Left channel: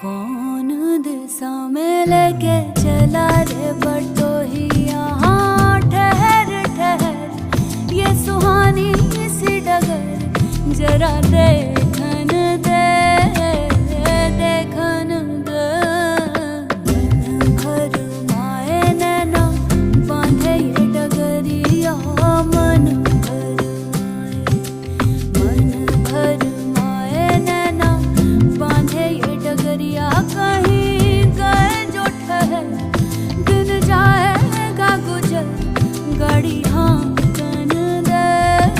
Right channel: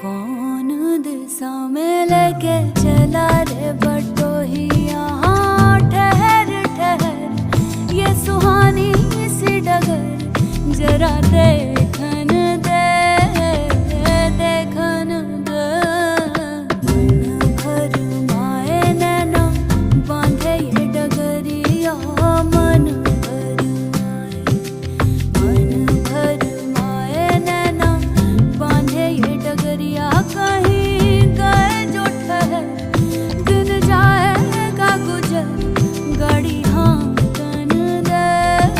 कौन दिशा में लेके चला रे बटोहिया। हाँ ठहर ठहर ये सुहानी सी डगर जरा देखन दे देखन दे। मन भर माए नैना बांधे ये डगरिया। मन भर माए नैना बांधे ये डगरिया। कहीं गए जो ठहर दिन जाएगा गुजर गाड़ी। हाँ